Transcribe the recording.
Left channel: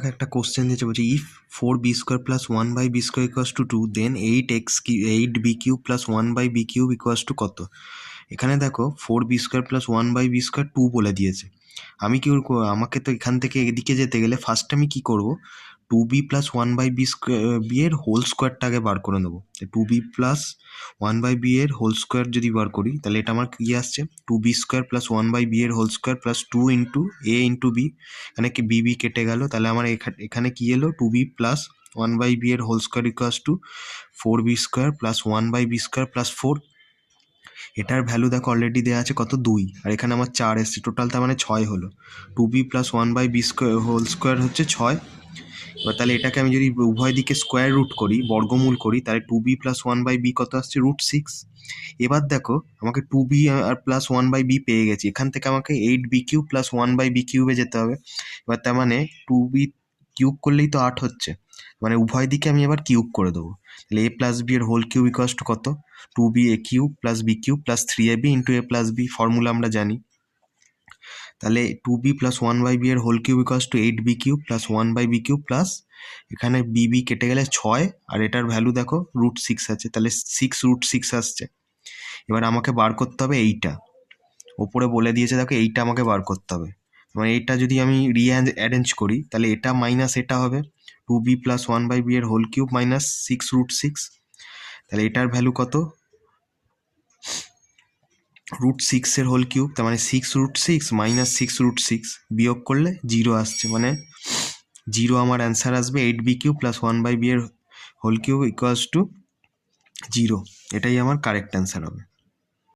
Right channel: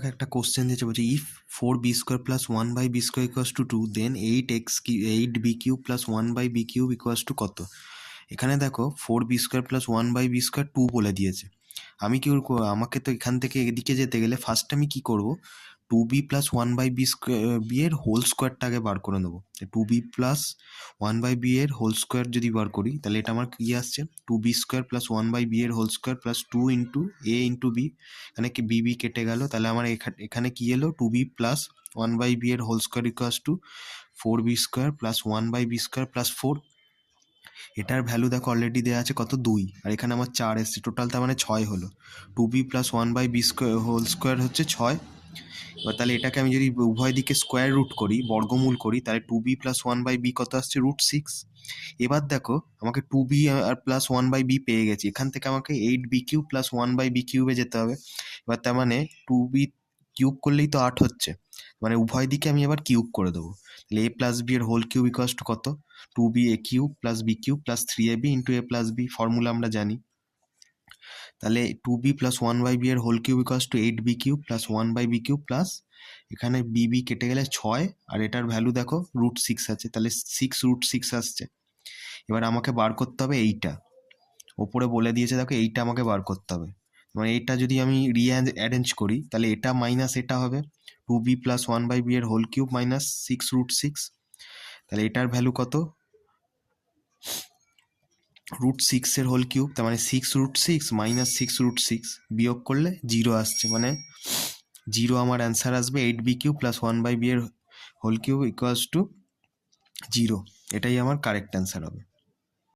দেখো একটা কোশ্চেন দিয়েছে, বলছে if 4b² + 1/b² = 2, then 8b³ + 1/b³ = কত? এখানে দেখো 4b² + 1/b² 2 বলে দিয়েছে। আমি কি করবো? আমাকে তো এখান থেকে এদিকে যেতে গেলে ফার্স্ট আমি কি করব, 2b + 1/b² এর হোল স্কোয়ারটা আগে বার করে নেবো। 2b + 1/b এর হোল স্কোয়ার যদি বার করি তাহলে এটা আমার কি আসছে, 2b² + 1/b এর whole square plus 2 into a into b। এখানে কি b কেটে গেল, তাহলে আমার এখানে কি এলো, 2b + 1/b এর হোল স্কোয়ার = 4b² + 1/b² + 4। এটার ভ্যালু দেখো অলরেডি দেওয়া আছে কত, 2, আর এখানে আমার 4 এসছে, টোটাল তার মানে 6 হলো। 2b + 1/b² হোল স্কোয়ার হচ্ছে 6। এবার তাহলে এটাকে আমি যদি উভয় দিকে স্কোয়ার রুট করি, বর্গমূল করি, তাহলে 2b + 1/b কত আসছে, √6। এবার দেখো আমাকে 2b আর প্লাস 1/b পেয়ে গেছি, এখান থেকে আমাকে 8b³ + 1/b³ যেতে হবে। এবার তার মানে 2b কিউব করলেই তো 8 হচ্ছে, মানে উভয় দিকে আমি এবার কিউব করে দেবো। তাহলে a + b এর হোল কিউব = কত, 2ba³ + b³ + 3ab × a + b, formula আমরা জানি। তাহলে 2b + 1/b এর whole cube = 8b³ + 1/b³ plus এখানে bb কেটে গেলে 6, আর এটার ভ্যালু দেখো √6 আছে, তাহলে 6√6 আসছে। এবার আমাকে বার করতে হবে এইটা, ওপরে বলে দিয়েছে দেখো এইটা আমাকে বার করতে হবে। মানে এইটা যদি আমি অ্যারেঞ্জ করি তাহলে এটা মাইনাস এটা হবে, 2b + 1/b এর হোল কিউব মাইনাস 6√6। তাহলে এটার ভ্যালু কত, √6 এর হোল কিউব, তার মানে 6√6 - 6√6 বিয়োগ করলে 0 আসছে, মানে 0 আমার অ্যান্সার আসবে। 8b³ + 1/b এর হোল কিউব = 0। এটাই আমার কারেক্ট অ্যান্সার হবে।